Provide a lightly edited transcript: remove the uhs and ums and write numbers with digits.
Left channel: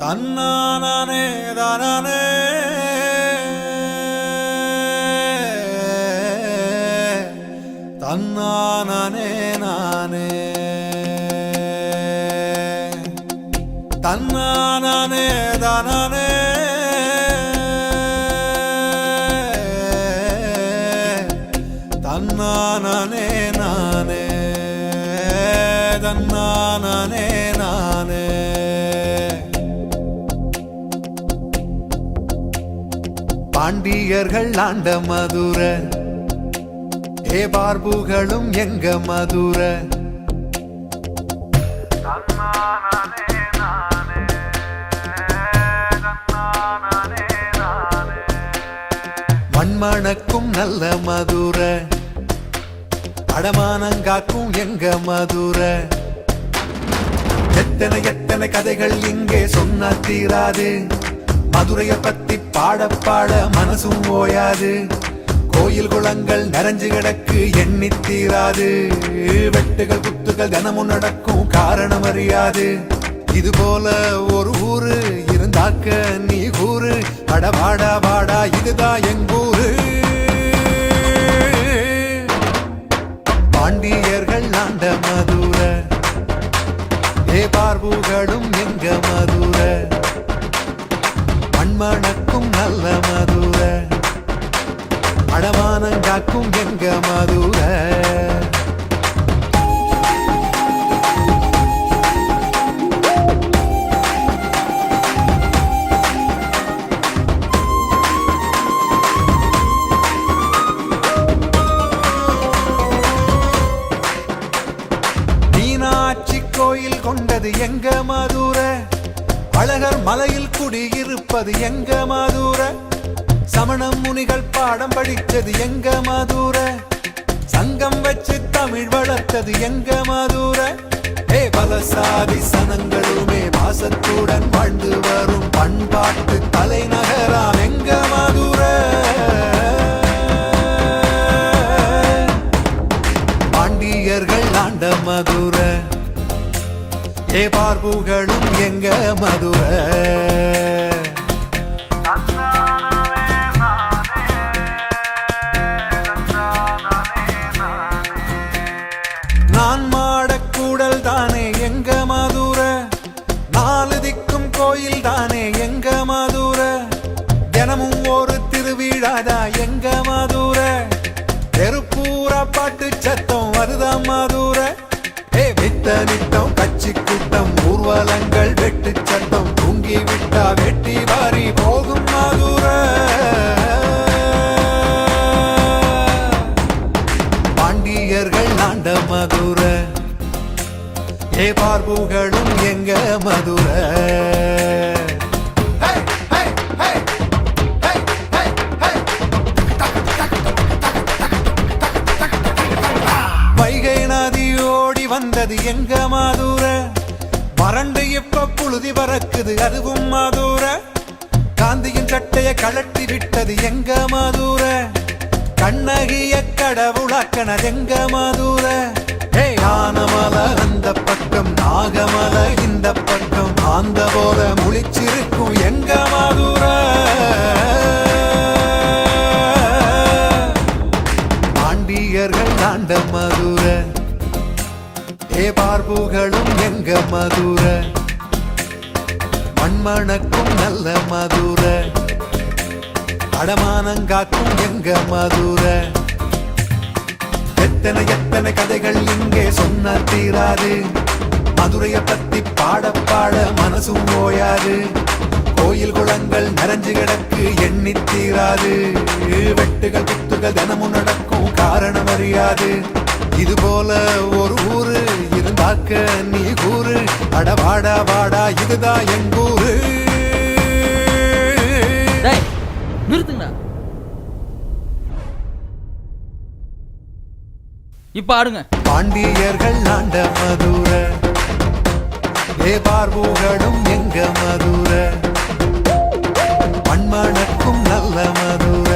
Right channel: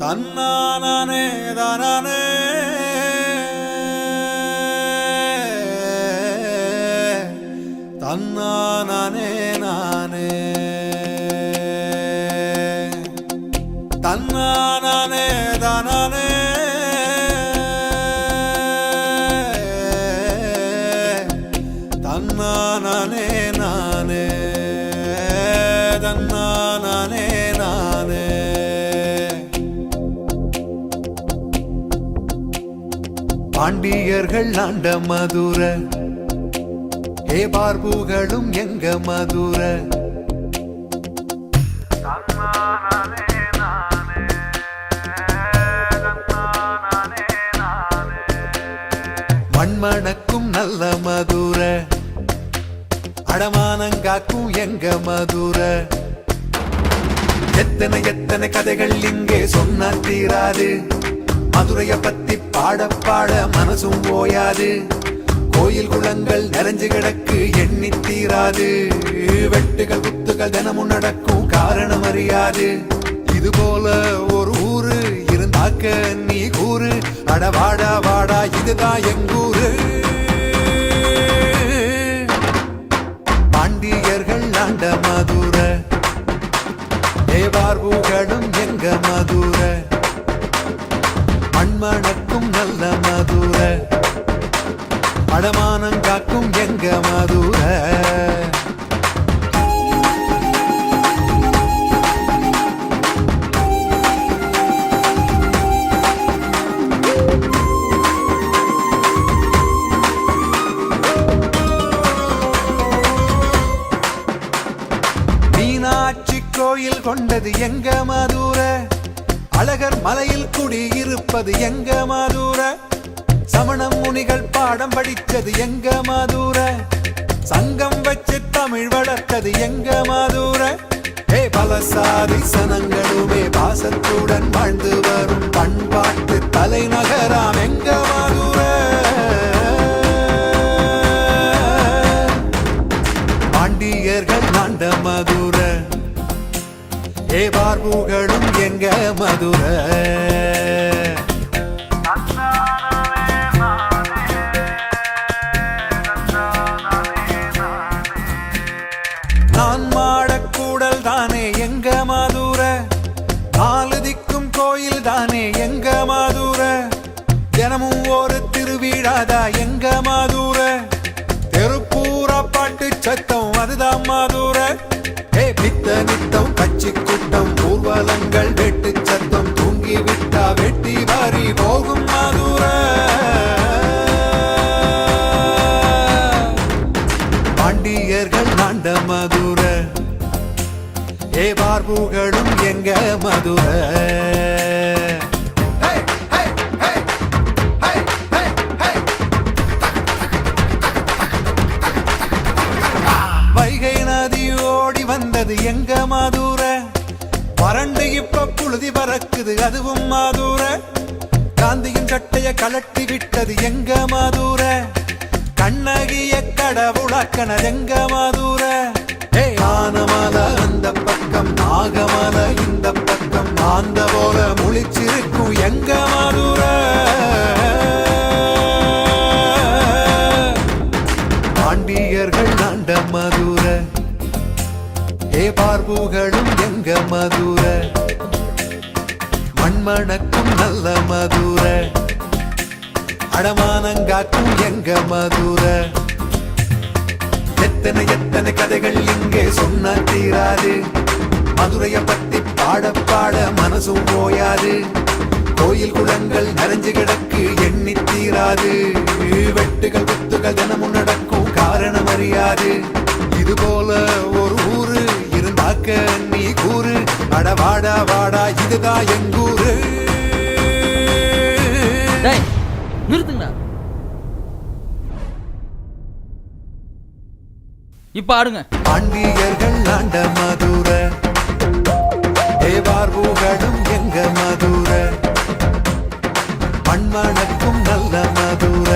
தன்னானே தானே தன்னானே நானே தன்னானே தானே தன்னானே நானே தன்னானே நானே பாண்டியர்கள் ஆண்ட மதுர ஏ பார்புகளும் எங்க மதுர மண்மணக்கும் நல்ல மதுர அடமானங்காக்கும் எங்க மதுர எத்தனை எத்தனை கதைகள் இங்கே சொன்ன தீராது மதுரைய பத்தி பாட பாட மனசும் ஓயாது கோயில் குளங்கள் நிறைஞ்சு கிடக்கு எண்ணி தீராது வெட்டுகள் குத்துகள் தினமும் நடக்கும் காரணம் அறியாது இது போல ஒரு ஊரு இருந்தாக்க நீ கூறு அட வாடா வாடா இதுதான் எங்கூரு பாண்டியர்கள் ஆண்ட மதுர ஏ பார்புகளும் எங்க மதுர மண்மணக்கும் நல்ல மதுர அடமானங்காக்கும் எங்க மதுர மீனாட்சி கோயில் கொண்டது எங்க மதுர அழகர் மலையில் குடியிருப்பது எங்க மதுர சமண முனிகள் பாடம் படித்தது எங்க மதுர சங்கம் வச்சு தமிழ் வளர்த்தது எங்க மதுர ஏ பலசாதி சனங்களுமே பாசத்துடன் வாழ்ந்து வரும் பண்பாட்டு தலைநகராம் எங்க மதுர பாண்டியர்கள் ஆண்ட மதுர ஏ பார்புகளும் எங்க மதுர நான் மாடக்கூடல் தானே எங்க மதுர நாலு திக்கும் கோயில் தானே எங்க மதுர தினமும் ஒரு திருவிழாதா எங்க மதுர தெருப்பூரா பாட்டு சத்தம் வருதா மதுர ஏ வித்த நித்தம் கட்சி கூட்டம் ஊர்வலங்கள் வெட்டு சத்தம் தூங்கி விட்டா வெட்டி வாரி போகும் மதுர பாண்டியர்கள் ஆண்ட மதுர ஏ பார்புகளும் எங்க மதுர வைகை நதி ஓடி வந்தது எங்க மதுர வறண்டு இப்ப புழுதி பறக்குது அதுவும் மதுர காந்தியின் சட்டைய கழட்டி விட்டது எங்க மதுர கண்ணகிய கடவுளாக்கன எங்க மதுர ஏ ஆனமல அந்த பக்கம் நாகமல இந்த பக்கம் ஆந்த போல முழிச்சிருக்கும் எங்க மதுர பாண்டியர்கள் ஆண்ட மதுர ஏ பார்புகளும் எங்க மதுர மண்மணக்கும் நல்ல மதுர அடமானங்காக்கும் எங்க மதுர எத்தனை எத்தனை கதைகள் இங்கே சொன்ன தீராது மதுரைய பத்தி பாட பாட மனசும் ஓயாது கோயில் குளங்கள் நிறைஞ்சு கிடக்கு எண்ணி தீராது வெட்டுகள் குத்துகள் தினமும் நடக்கும் காரணம் அறியாது இது போல ஒரு ஊரு இருந்தாக்க நீ கூறு அட வாடா வாடா இதுதான் எங்கூரு நிறுத்துங்கண்ணா. இப்ப ஆடுங்க. பாண்டியர்கள் ஆண்ட மதுர ஏ பார்புகளும் எங்க மதுர மண்மணக்கும் நல்ல மதுர